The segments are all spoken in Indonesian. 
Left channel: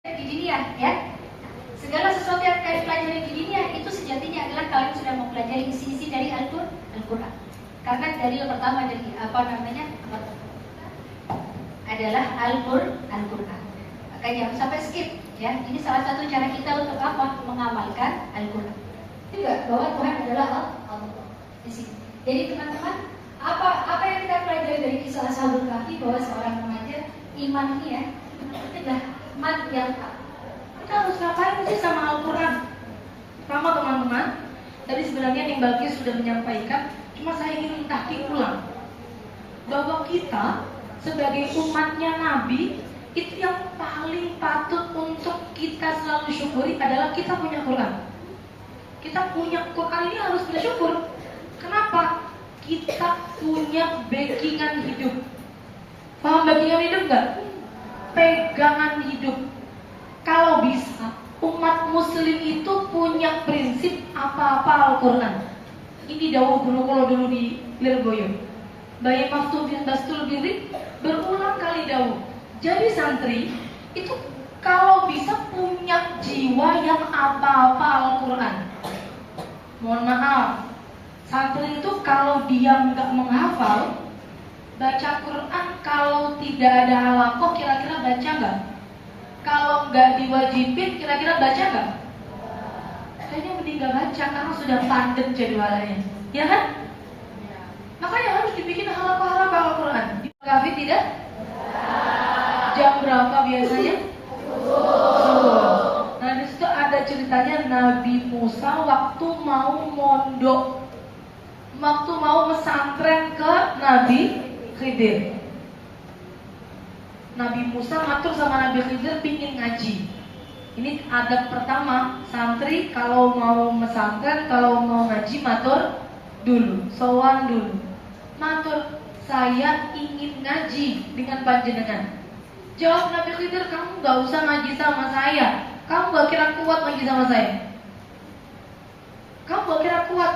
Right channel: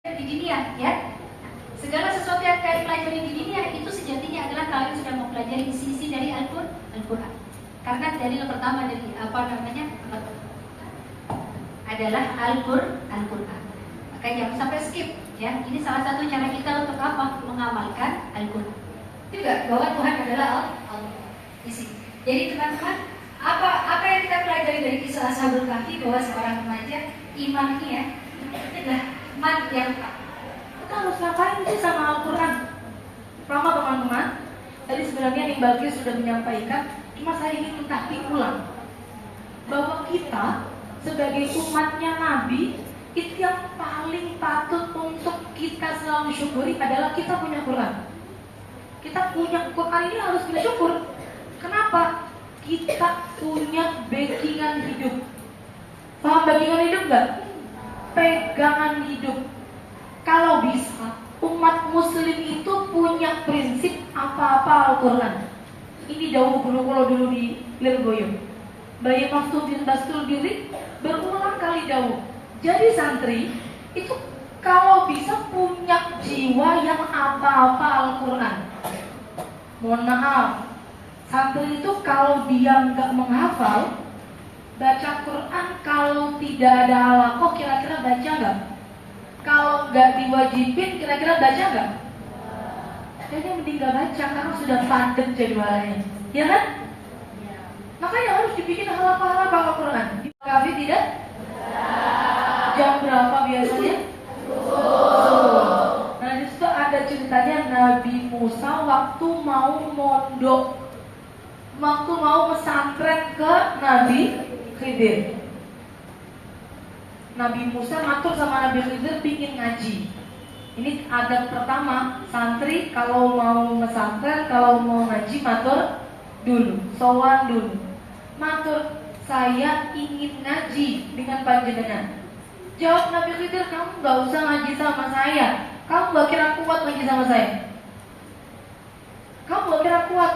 di dunia, ya. Segala sesuatu yang kalian pelajari di dunia itu sejatinya adalah kalian sudah mempelajari isi-isi dari Al-Quran. Karena dalil pertama dari adalah Al-Quran. Maka jangan sampai skip, ya. Ini salah satu cara kita untuk apa? Mengamalkan Al-Quran. Juga bahwa Tuhan adalah Allah. Di sini. Jadi teman-teman, apa yang kita pelajari dari kisah Ashabul Kahfi, bahwa seorang remaja iman ini ya, adalah iman yang kita harus ngapain sih sama Al-Quran? Pertama teman-teman, jadi sebenarnya Ning Bagis sudah menyampaikan, cuma saya ingin minta diulang bahwa kita sebagai umatnya Nabi, itu yang paling patut untuk kita selalu syukuri adalah kita punya Quran. Kita punya Quran ini harus punya syukur. Kenapa? Kita punya backingan hidup. Paham backingan hidup nggak? Pegangan hidup. Kalau bisa, umat muslim itu punya prinsip apa-apa Al-Quran. Ini dawuh Gunung Kolo dulu di Lirboyo. Bayi Maftun bin Bastul Birri berulang kali dawuh. Jadi santri itu kalau bisa punya jiwa yang apa-apa Al-Quran. Mohon maaf, santri itu kalau dia nggak menghafal, baca Quran kalau tidak ada halaqah kira-kira baca nggak? Kalau nggak diwajibin kira-kira baca nggak? Kayaknya mending nggak baca karena sudah padat jadwalnya, ya kan? Makanya harus dibikin halaqah-halaqah Al-Quran. Di Kahfi tidak? Jam berapa biasanya? Nah di situ ada ceritanya Nabi Musa waktu mau mondok, waktu mau pesantren ke Nabi Khidir. Nabi Musa ngatur sama Nabi Khidir pingin ngaji. Ini adab pertama, santri kalau mau pesantren, kalau mau ngaji matur dulu, sowan dulu. Matur, saya ingin ngaji dengan panjenengan. Jawab Nabi Khidir, kamu gak usah ngaji sama saya. Kamu gak kira kuat ngaji sama saya. Kamu gak kira kuat.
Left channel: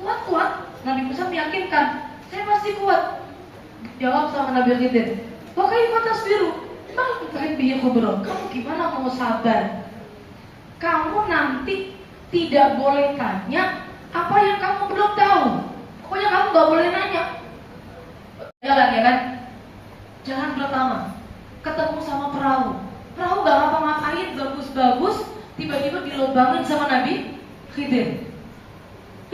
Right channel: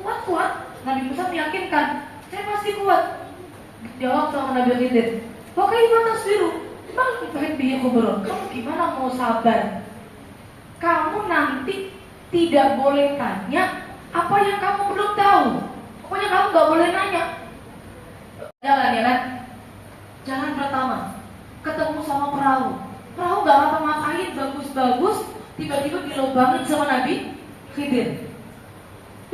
Kuat. Nabi Musa meyakinkan, saya masih kuat. Jawab sama Nabi Khidir, pakai batas biru. Kamu gimana mau sabar? Kamu nanti tidak boleh tanya apa yang kamu belum tahu. Pokoknya kamu gak boleh nanya. Jalan ya kan? Jalan pertama, ketemu sama perahu. Perahu gak ngapa-ngapain, bagus-bagus. Tiba-tiba dilobangin sama Nabi Khidir.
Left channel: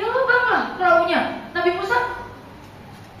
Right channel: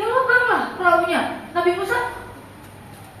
Dilobang lah perahunya. Nabi Musa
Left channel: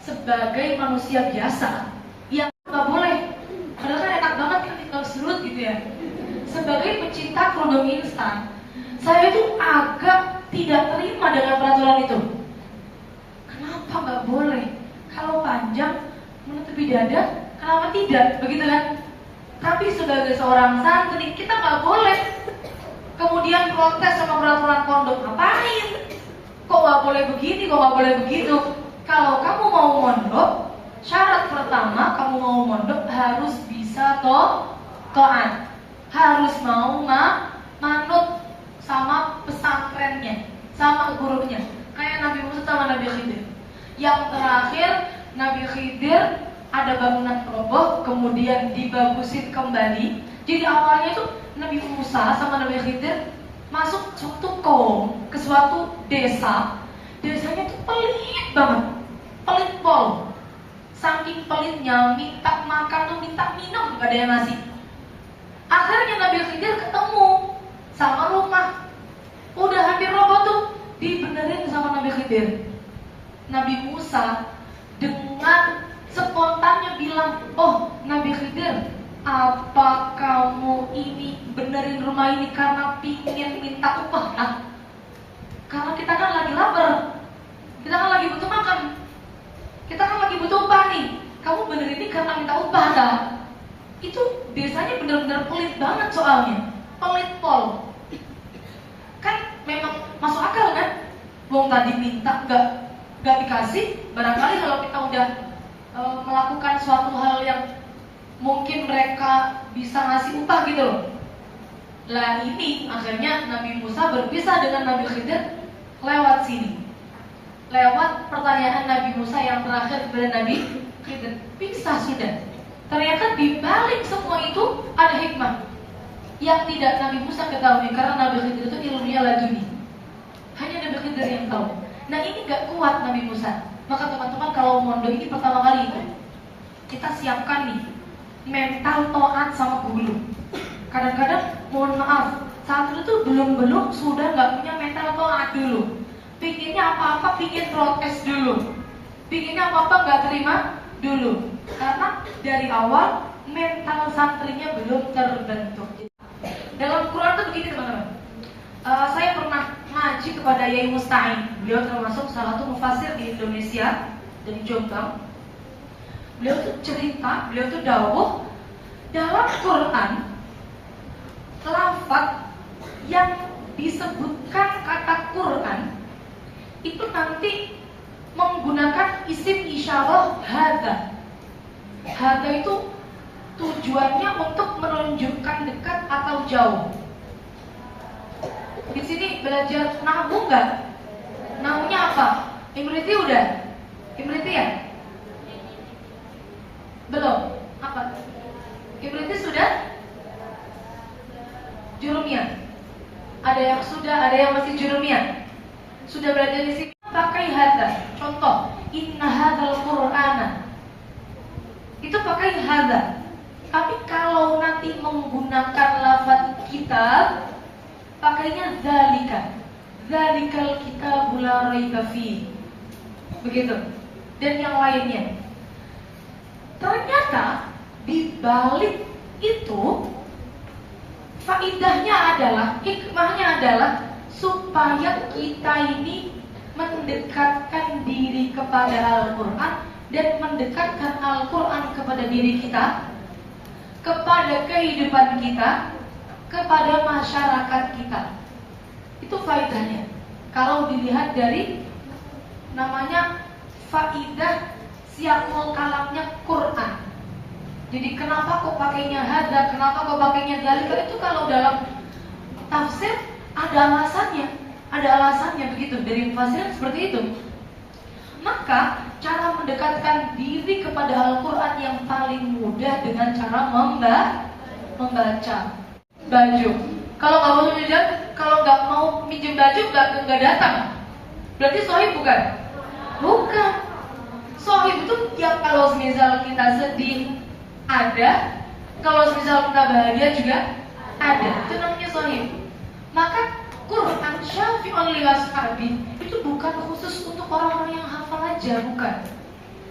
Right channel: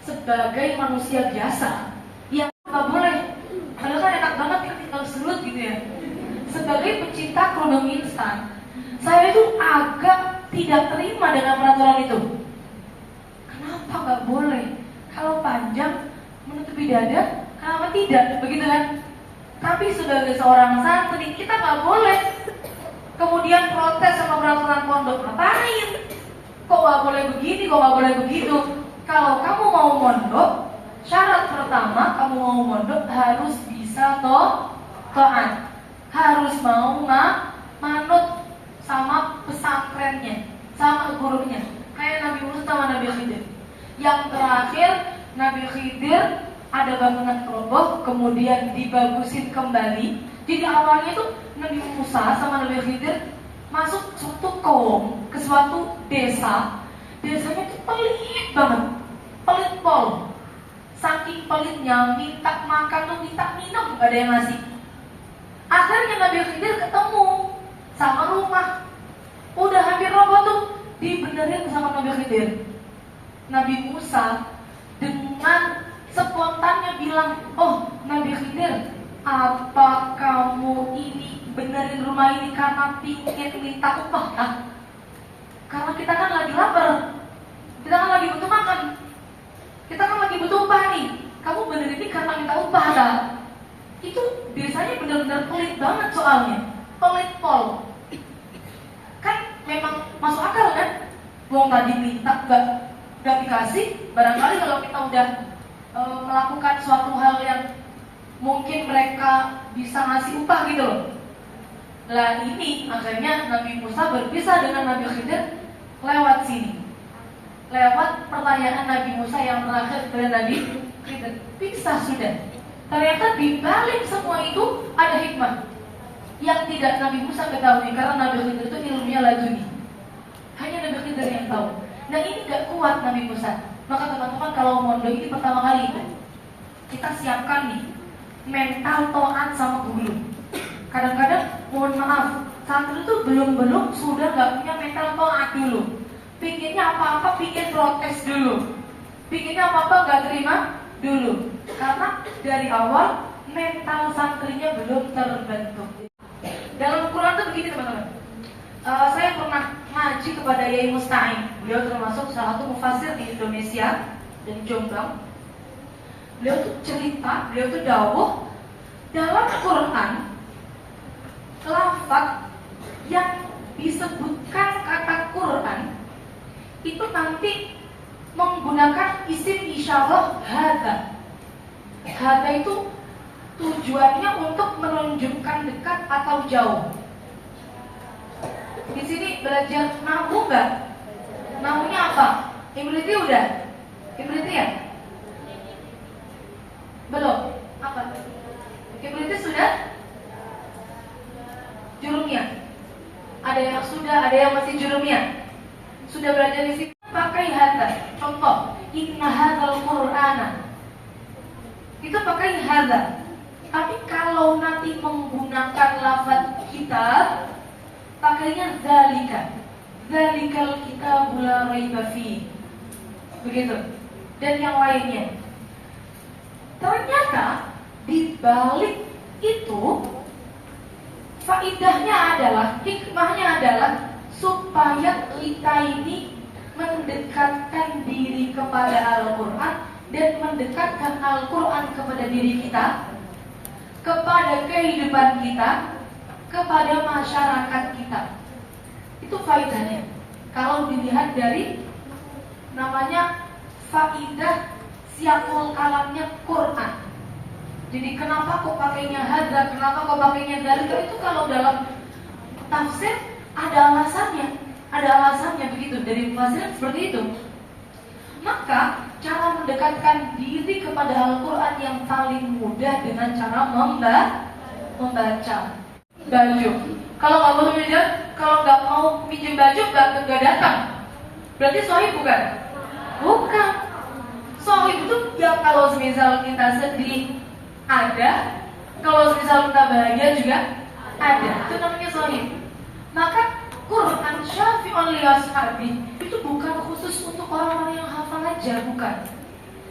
sebagai manusia biasa yang gak boleh, padahal kan enak banget ya tinggal surut gitu ya. Sebagai pecinta kerudung instan, saya itu agak tidak terima dengan peraturan itu. Kenapa gak boleh? Kalau panjang menutupi dada, kenapa tidak? Begitu kan? Tapi sebagai seorang santri kita nggak boleh kemudian protes sama peraturan pondok. Ngapain? Kok nggak boleh begini? Kok nggak boleh begitu? Kalau kamu mau mondok, syarat pertama kamu mau mondok harus bisa taat, harus mau manut sama pesantrennya, sama gurunya. Kayak Nabi Musa sama Nabi Khidir. Yang terakhir Nabi Khidir ada bangunan roboh, kemudian dibagusin kembali. Jadi awalnya itu Nabi Musa sama Nabi Khidir masuk suatu kaum ke suatu desa. Desanya itu pelit banget, pelit pol. Saking pelitnya, minta makan tuh minta minum, gak ada yang ngasih. Akhirnya Nabi Khidir ketemu sama rumah, udah hampir roboh tuh, dibenerin sama Nabi Khidir. Nabi Musa dengan spontannya bilang, oh Nabi Khidir, apa kamu ini benerin rumah ini karena pingin minta upah? Nah, karena kita kan lagi lapar, kita kan lagi butuh makan, kita kan lagi butuh upah nih. Kamu benerin ini karena minta upah lah. Itu biasanya benar-benar pelit banget soalnya, pelit pol. Kan memang masuk akal kan? Wong tadi minta gak dikasih, barangkali kalau kita udah melakukan suatu hal yang mungkin mereka bisa ngasih upah gitu loh. Lah ini akhirnya Nabi Musa berpisah dengan Nabi Khidir lewat sini, lewat pertanyaan Nabi Musa yang terakhir kepada Nabi Khidir. Pisah sudah. Ternyata di balik semua itu ada hikmah. yang tidak Nabi Musa ketahui, karena Nabi Khidir itu ilmunya laduni. Hanya Nabi Khidir yang tahu. Nah ini gak kuat Nabi Musa. Maka teman-teman kalau mondok ini pertama kali itu kita siapkan nih mental taat sama guru. Kadang-kadang mohon maaf, santri itu belum sudah gak punya mental taat dulu. Pinginnya apa-apa pingin protes dulu. Pinginnya apa-apa gak terima dulu. Karena dari awal mental santrinya belum terbentuk. Dalam Quran itu begini teman-teman. Saya pernah ngaji kepada Yai Musta'in. Beliau termasuk salah satu mufasir di Indonesia, dari Jombang. Beliau tuh cerita, beliau tuh dawuh dalam Quran lafaz yang disebutkan kata Quran itu nanti menggunakan isim isyarah hadza. Hadza itu tujuannya untuk menunjukkan dekat atau jauh. Di sini belajar nahwu nggak? Nahwunya apa? Imriti udah? Imriti ya? Belum? Apa? Imriti sudah? Jurumiyah? Ada yang sudah, ada yang masih jurumiyah? Sudah belajar di sini? Pakai hadza. Contoh, inna hadzal qur'ana. Itu pakai hadza. Tapi kalau nanti menggunakan lafaz kitab, pakainya dzalika. Dzalikal kitabul la raiba fi. Begitu. Dan yang lainnya. Ternyata di balik itu faidahnya adalah, hikmahnya adalah supaya kita ini mendekatkan diri kepada Al-Quran dan mendekatkan Al-Quran kepada diri kita, kepada kehidupan kita, kepada masyarakat kita. Itu faedahnya. Kalau dilihat dari namanya faidah siakul kalamnya Quran. Jadi kenapa kok pakainya hadza, kenapa kok pakainya dzalika, itu kalau dalam tafsir ada alasannya begitu, dari mufassir seperti itu. Maka cara mendekatkan diri kepada Al-Quran yang paling mudah dengan cara membaca baju. Kalau nggak mau minjem, kalau nggak mau minjem baju nggak datang. Berarti sohib bukan? Bukan. Sohib itu ya kalau misal kita sedih ada, kalau misal kita bahagia juga ada. Itu namanya sohib. Maka Quran syafi'un li ashabi itu bukan khusus untuk orang-orang yang hafal aja, bukan.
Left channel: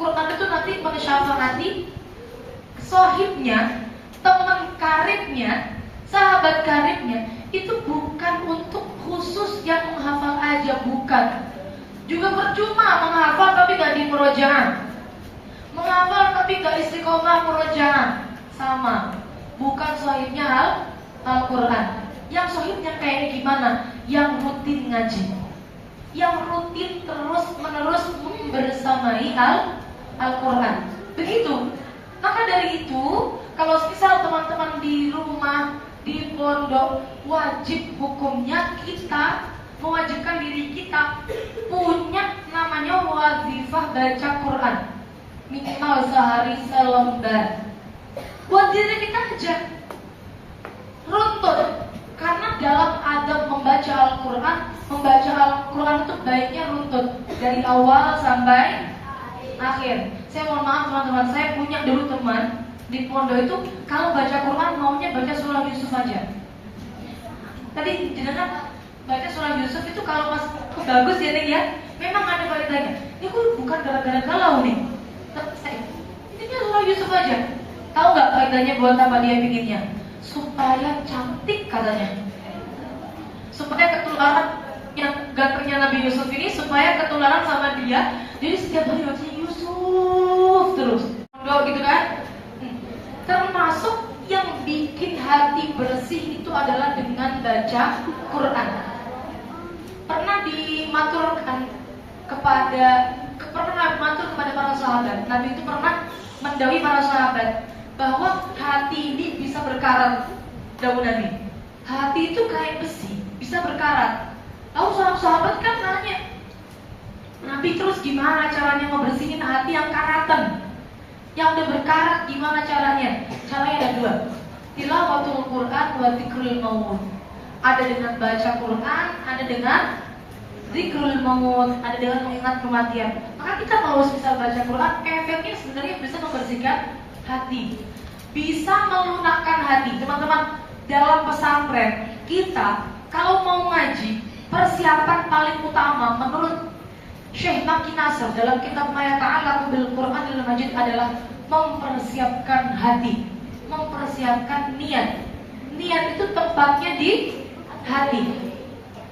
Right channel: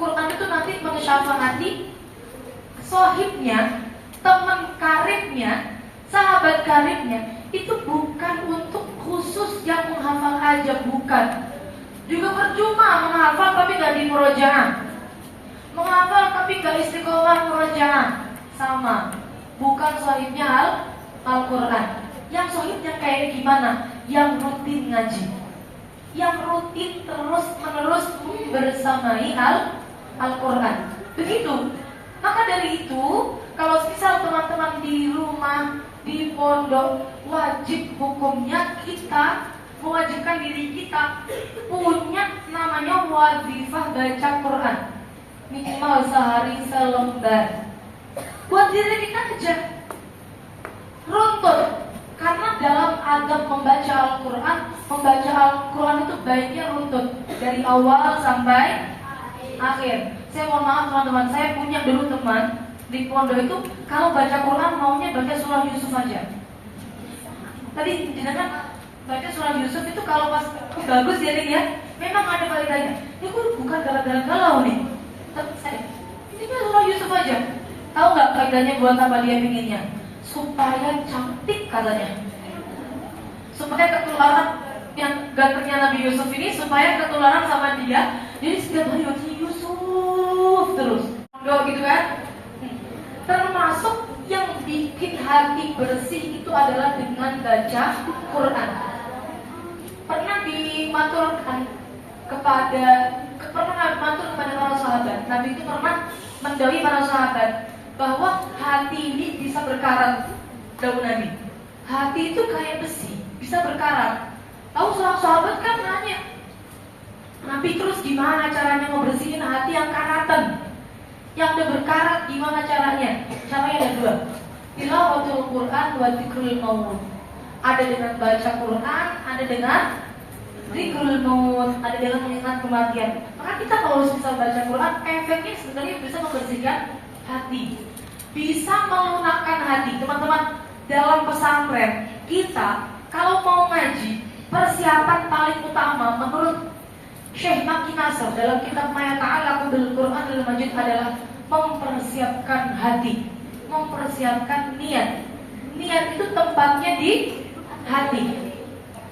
Quran itu nanti mensyafaati sohibnya, teman karibnya, sahabat karibnya. Itu bukan untuk khusus yang menghafal aja, bukan. Juga percuma menghafal tapi gak di murojaah, menghafal tapi gak istiqomah murojaah, sama. Bukan sohibnya Al-Quran. Yang sohibnya kayak gimana? Yang rutin ngaji, yang rutin terus menerus bersamai Al-Quran. Begitu. Maka dari itu, kalau misal teman-teman di rumah, di pondok, wajib hukumnya kita mewajibkan diri kita punya namanya wazifah baca Quran, minimal sehari selembar. Buat diri kita aja runtut. Karena dalam adab membaca Al-Quran itu baiknya runtut dari awal sampai akhir. Saya mohon maaf teman-teman, saya punya dulu teman di pondok itu kalau baca Quran maunya baca surah Yusuf aja. Tadi jenengan baca surah Yusuf itu kalau pas bagus ya nih ya, memang ada faedahnya. Ini kok bukan gara-gara galau nih. Ini kan surah Yusuf aja. Tahu nggak faedahnya buat apa dia pinginnya? Supaya cantik katanya, supaya ketularan yang gantengnya Nabi Yusuf ini, supaya ketularan sama dia. Jadi setiap hari baca Yusuf terus, enggak gitu kan? Termasuk yang bikin hati bersih itu adalah dengan baca Quran. Pernah dimaturkan pernah matur kepada para sahabat. Nabi itu pernah mendawai para sahabat bahwa hati ini bisa berkarat. Dawuh Nabi, hati itu kayak besi, bisa berkarat. Lalu sahabat kan nanya, Nabi terus gimana caranya ngebersihin hati yang karatan, yang udah berkarat, gimana caranya? Caranya ada dua. tilawatul Quran wa dzikrul maut. Ada dengan baca Quran, ada dengan zikrul maut, ada dengan mengingat kematian. Maka kita kalau bisa baca Quran, efeknya sebenarnya bisa membersihkan hati, bisa melunakkan hati. Teman-teman, dalam pesantren kita kalau mau ngaji, persiapan paling utama menurut Syekh Maki Nasr dalam kitab Maya Ta'ala bil Quranil Majid adalah mempersiapkan hati, mempersiapkan niat. Niat itu tempatnya di hati.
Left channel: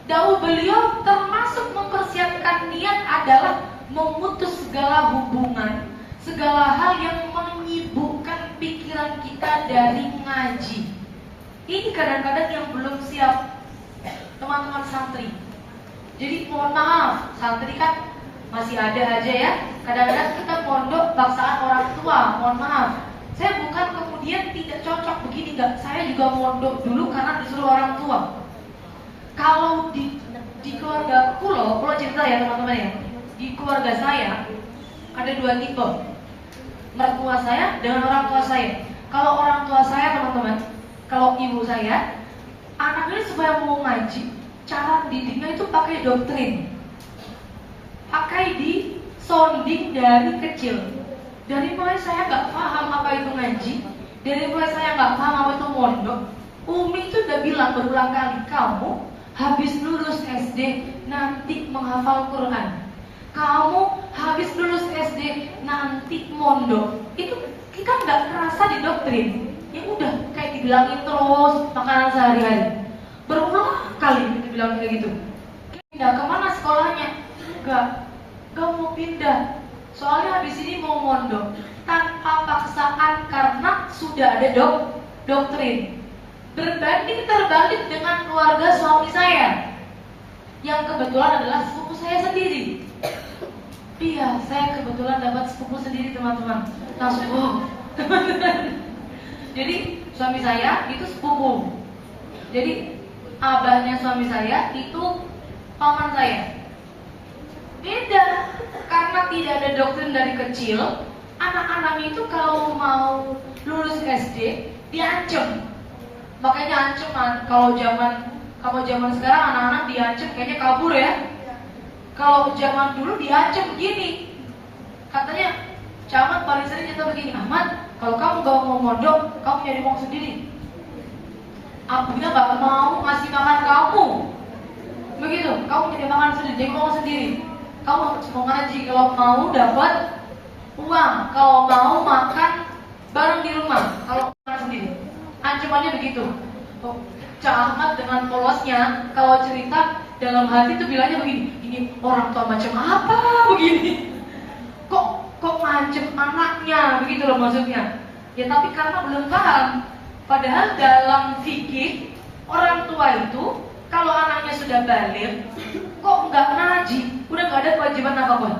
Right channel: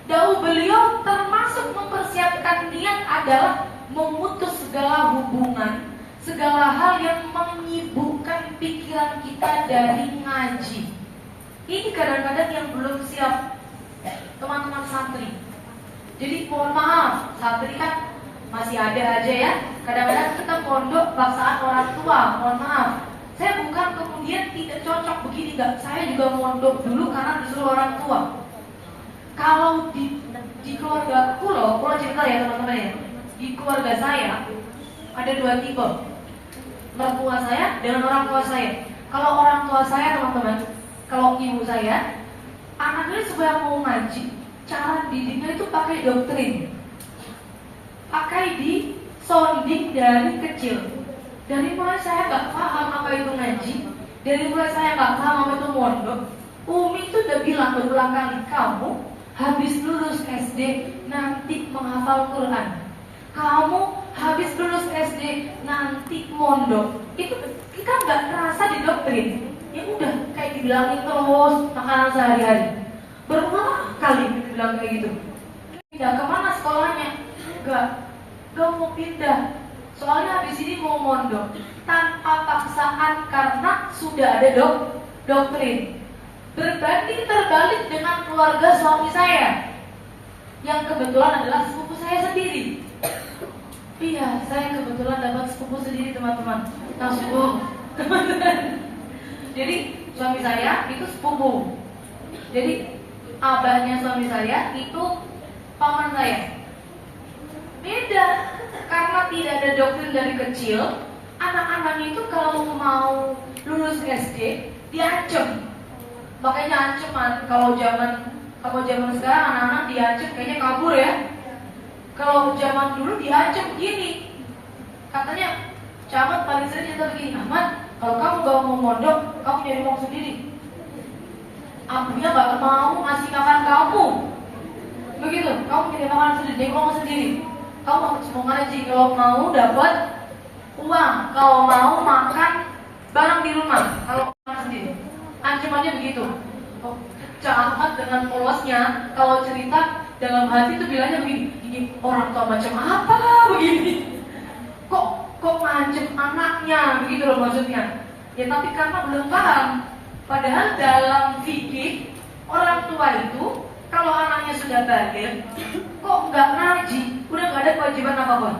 Dahulu beliau termasuk mempersiapkan niat adalah memutus segala hubungan, segala hal yang menyibukkan pikiran kita dari ngaji. Ini kadang-kadang yang belum siap, teman-teman santri. Jadi mohon maaf, santri kan masih ada aja ya. Kadang-kadang kita pondok paksaan orang tua, mohon maaf. Saya bukan kemudian tidak cocok begini, enggak. Saya juga mondok dulu karena disuruh orang tua. Kalau di keluarga pulau cerita ya teman-teman ya. Di keluarga saya ada dua tipe, mertua saya dengan orang tua saya. Kalau orang tua saya teman-teman, kalau ibu saya, anaknya supaya mau ngaji, cara didiknya itu pakai doktrin, pakai di sounding dari kecil. Dari mulai saya nggak paham apa itu ngaji, dari mulai saya nggak paham apa itu mondok, Umi itu udah bilang berulang kali, kamu habis lulus SD nanti menghafal Quran, kamu habis lulus SD nanti mondok. Itu kita nggak terasa di doktrin. Ya udah kayak dibilangin terus makanan sehari-hari. Berulang kali dibilang kayak gitu. Pindah kemana sekolahnya? Gak mau pindah. Soalnya habis ini mau mondok tanpa paksaan karena sudah ada doktrin. Berbanding terbalik dengan keluarga suami saya yang kebetulan adalah sepupu saya sendiri. Iya, saya kebetulan dapat sepupu sendiri teman-teman. Sepupu. Jadi suami saya itu sepupu. Jadi abahnya suami saya itu paman saya. Beda, karena tidak ada doktrin dari kecil. Anak-anak itu kalau mau lulus SD diancam. Makanya ancaman kalau zaman sekarang anak-anak diancam kayaknya kabur ya. Kalau zaman dulu diancam gini. Katanya camat paling sering cerita begini, Ahmad, kalau kamu gak mau mondok, kamu nyari uang sendiri. Abunya gak mau ngasih makan kamu. Begitu, kamu nyari makan sendiri, nyari uang sendiri. Kamu harus mau ngaji kalau mau dapat uang, kalau mau makan bareng di rumah, kalau makan sendiri. Ancamannya begitu. Oh, camat dengan polosnya kalau cerita dalam hati itu bilangnya begini, ini orang tua macam apa begini? Kok ngancem anaknya begitu loh maksudnya. Ya tapi karena belum paham. Padahal dalam fikih orang tua itu kalau anaknya sudah balik, kok nggak ngaji, udah nggak ada kewajiban apapun.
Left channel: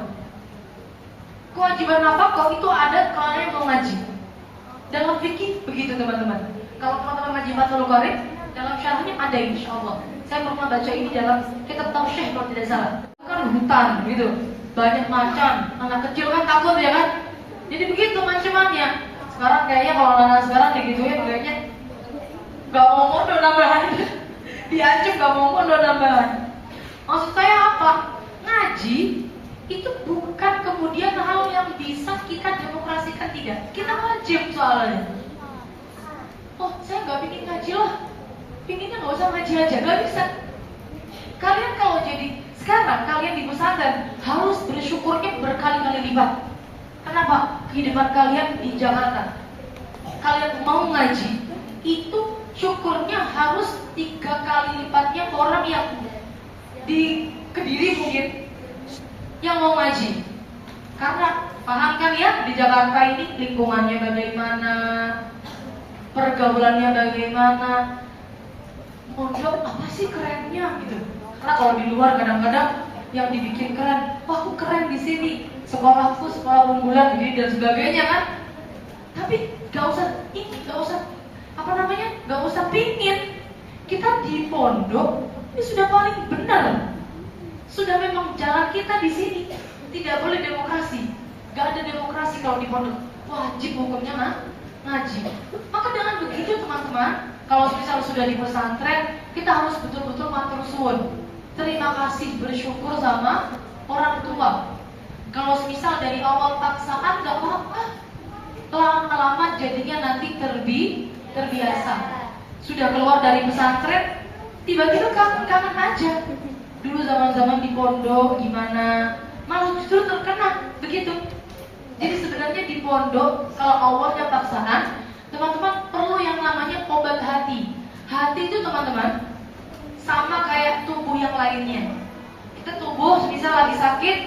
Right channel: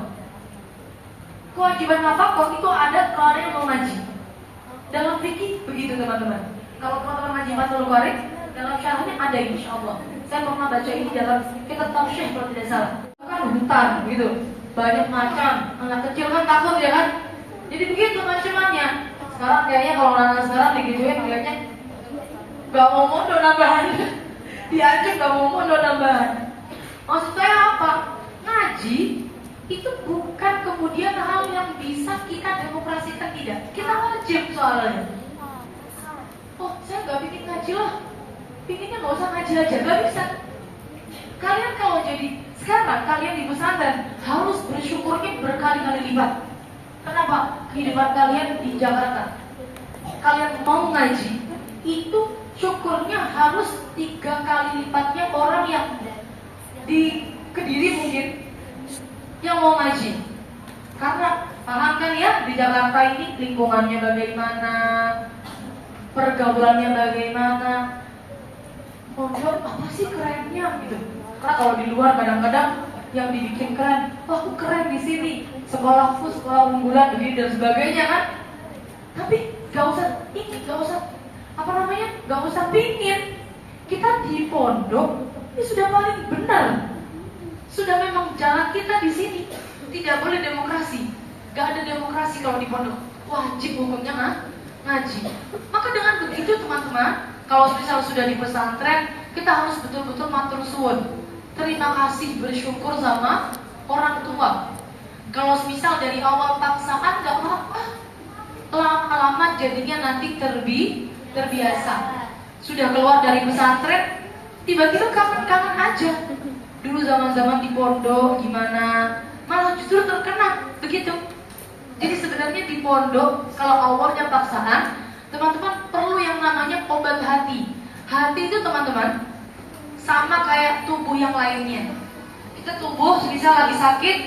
Kewajiban apa? Itu ada kalau yang mau ngaji. Dalam fikih begitu teman-teman. Kalau teman-teman ngaji Fathul Qorib, dalam syarahnya ada insya Allah. Saya pernah baca ini dalam kitab Tausyih kalau tidak salah. Kan hutan gitu, banyak macan, anak kecil kan takut ya kan. Jadi begitu ancamannya. Sekarang kayaknya kalau anak sekarang digituin kayaknya gak mau mondok nambahan. Diancam gak mau mondok nambahan. Maksud saya apa? Ngaji itu bukan kemudian hal yang bisa kita demokrasikan, tidak. Kita wajib soalnya. Oh, saya gak pingin ngaji lah. Pinginnya gak usah ngaji aja, gak bisa. Kalian kalau jadi sekarang kalian di pesantren harus bersyukurnya berkali-kali lipat. Kenapa? Kehidupan kalian di Jakarta, kalian mau ngaji, itu syukurnya harus 3 kali lipatnya orang yang di Kediri mungkin yang mau ngaji. Karena paham kan ya di Jakarta ini lingkungannya bagaimana, pergaulannya bagaimana, mondok apa sih kerennya gitu. Karena kalau di luar kadang-kadang yang dibikin keren, wah aku keren di sini, sekolahku sekolah unggulan begini dan sebagainya kan. Tapi gak usah gak usah pingin. Kita di pondok ini sudah paling benar, sudah memang jalan kita di sini. Tidak boleh demokrasi, gak ada demokrasi kalau di pondok. Wajib hukumnya ngaji. Maka dengan begitu teman-teman, kalau misal sudah di pesantren, kita harus betul-betul matur suwun. Terima kasih, bersyukur sama orang tua. Kalau misal dari awal paksaan nggak apa-apa, lama-lama jadinya nanti terbiasa. Sudah keluar dari pesantren, tiba-tiba kangen-kangen aja. Dulu zaman-zaman di pondok gimana, malah justru terkena begitu. Jadi sebenarnya di pondok kalau awalnya paksaan, teman-teman perlu yang namanya obat hati. Hati itu teman-teman sama kayak tubuh yang lainnya. Kita tubuh misal lagi sakit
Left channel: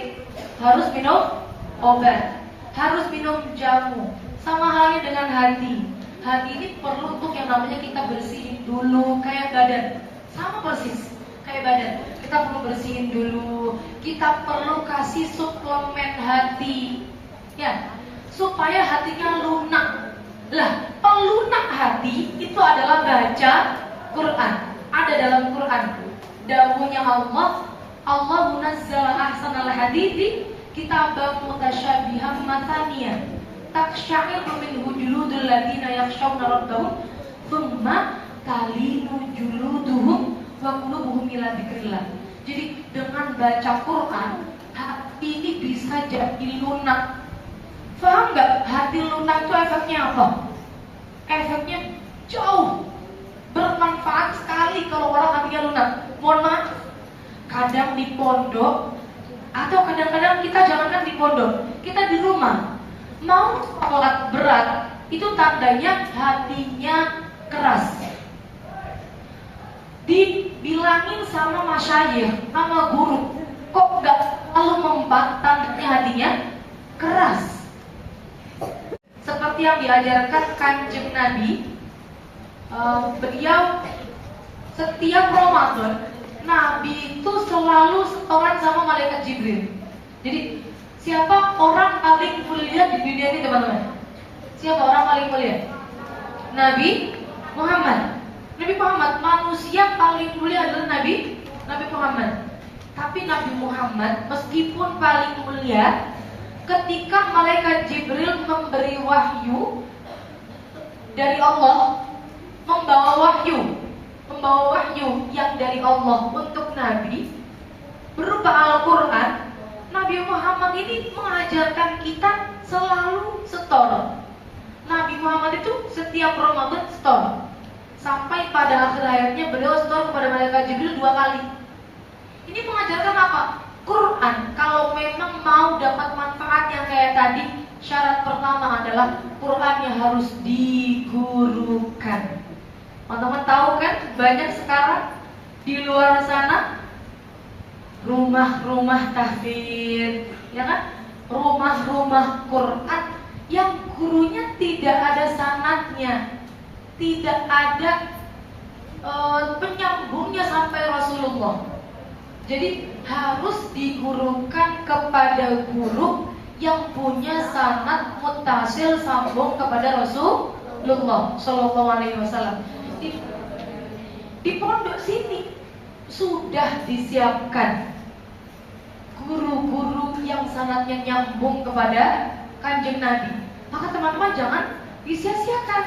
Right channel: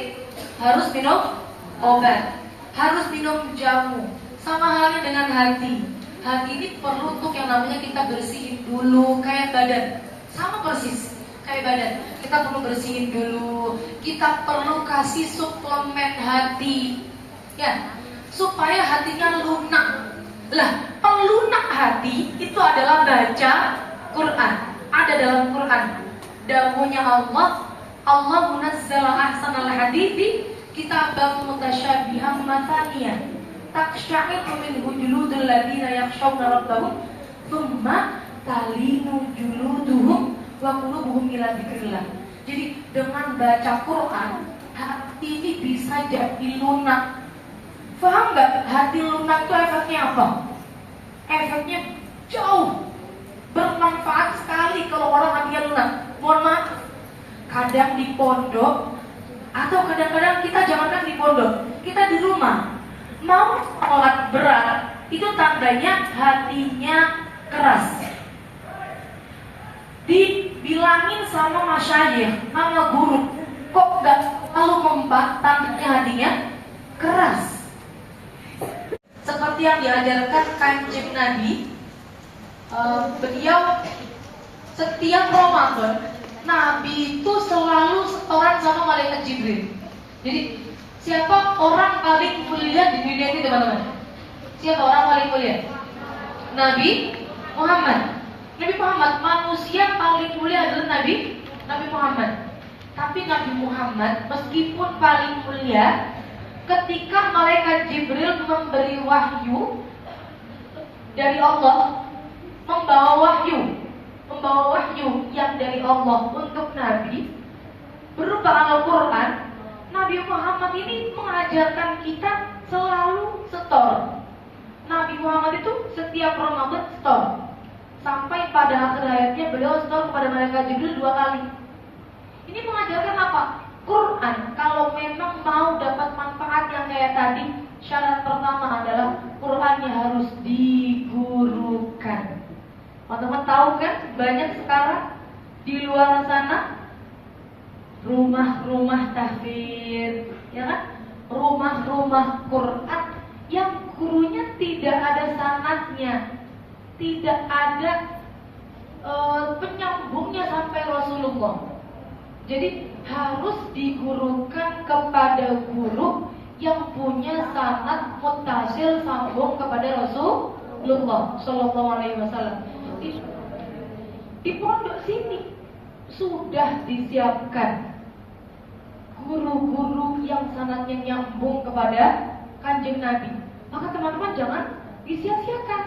harus minum obat, harus minum jamu. Sama halnya dengan hati. Hati ini perlu untuk yang namanya kita bersihin dulu kayak badan. Sama persis kayak badan. Kita perlu bersihin dulu. Kita perlu kasih suplemen hati. Ya, supaya hatinya lunak. Lah, pelunak hati itu adalah baca Quran. Ada dalam Quran. Dawuhnya Allah munazzala ahsanal hadithi kitaban mutasyabihan mataniyan. Taksya'iru minhu juludul ladina yakhshawna rabbahum thumma talinu juluduhum wa qulubuhum ila dzikrillah. Jadi dengan baca Quran, hati ini bisa jadi lunak. Paham nggak? Hati lunak itu efeknya apa? Efeknya jauh bermanfaat sekali kalau orang hatinya lunak. Mohon maaf, kadang di pondok atau kadang-kadang kita jangankan di pondok, kita di rumah mau sholat berat, itu tandanya hatinya keras. Dibilangin sama masyayikh, sama guru, kok nggak lalu membat, tandanya hatinya keras. Seperti yang diajarkan Kanjeng Nabi, beliau setiap Ramadan Nabi itu selalu setoran sama malaikat Jibril. Jadi siapa orang paling mulia di dunia ini teman-teman? Siapa orang paling mulia? Nabi Muhammad. Nabi Muhammad, manusia paling mulia adalah Nabi Muhammad. Tapi Nabi Muhammad meskipun paling mulia, ketika malaikat Jibril memberi wahyu dari Allah, membawa wahyu yang dari Allah untuk Nabi berupa Al-Quran, Nabi Muhammad ini mengajarkan kita selalu setor. Nabi Muhammad itu setiap Ramadan setor. Sampai pada akhir hayatnya beliau setor kepada malaikat Jibril 2 kali. Ini mengajarkan apa? Quran. Kalau memang mau dapat manfaat yang kayak tadi, syarat pertama adalah Qurannya harus digurukan. Teman-teman tahu kan, banyak sekarang di luar sana rumah-rumah tahfidz, ya kan? Rumah-rumah Quran yang gurunya tidak ada sanadnya, tidak ada penyambungnya sampai Rasulullah. Jadi harus digurukan kepada guru yang punya sanad muttasil sambung kepada Rasulullah Shallallahu Alaihi Wasallam. Di pondok sini sudah disiapkan guru-guru yang sanadnya nyambung kepada Kanjeng Nabi. Maka teman-teman jangan disia-siakan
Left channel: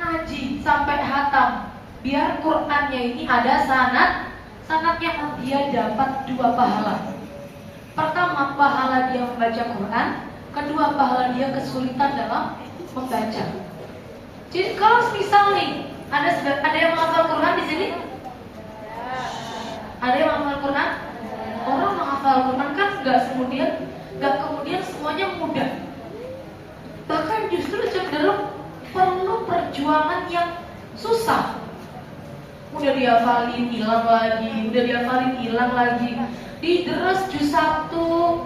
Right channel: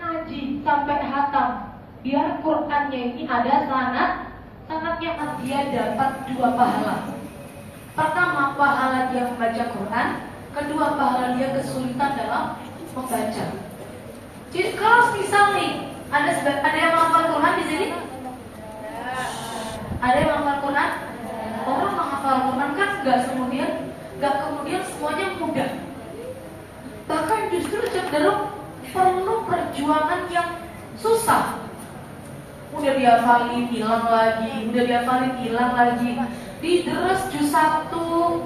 ngaji sampai hatam, biar Qurannya ini ada sanadnya, dia dapat 2 pahala. Pertama, pahala dia membaca Quran. Kedua, pahala dia kesulitan dalam membaca. Jadi kalau misalnya ada yang menghafal Quran di sini? Ada yang menghafal Quran? Orang menghafal Quran kan nggak kemudian semuanya mudah. Bahkan justru cenderung perlu perjuangan yang susah. Udah dihafalin hilang lagi, dideres juz 1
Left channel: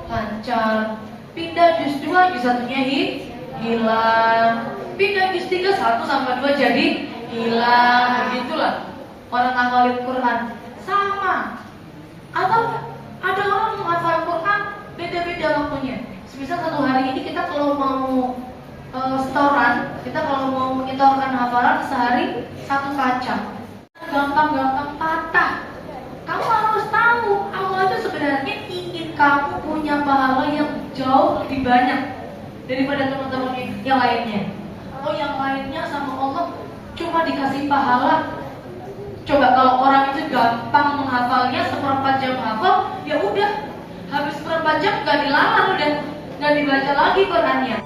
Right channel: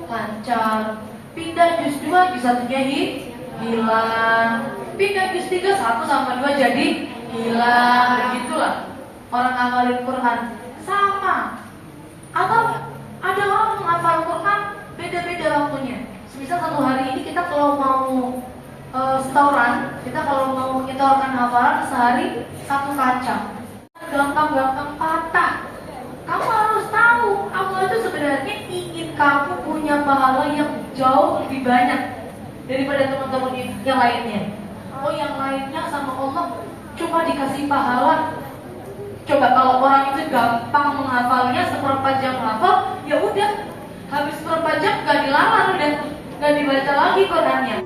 lancar, pindah juz 2 juz 1-nya hilang, pindah juz 3 1 sampai 2 jadi hilang. Begitulah orang ngafalin Quran sama. Atau ada orang menghafal Quran beda-beda waktunya. Misal 1 hari ini kita kalau mau setoran, kita kalau mau menyetorkan hafalan sehari 1 kaca, gampang-gampang patah. Kamu harus tahu, Allah itu sebenarnya ingin kamu punya pahala yang jauh lebih banyak daripada teman-teman yang lainnya. oh yang lainnya sama Allah cuma dikasih pahala. Coba kalau orang itu gampang menghafalnya, seperempat jam hafal, ya udah habis seperempat jam gak dilamar udah, gak dibaca lagi Qurannya.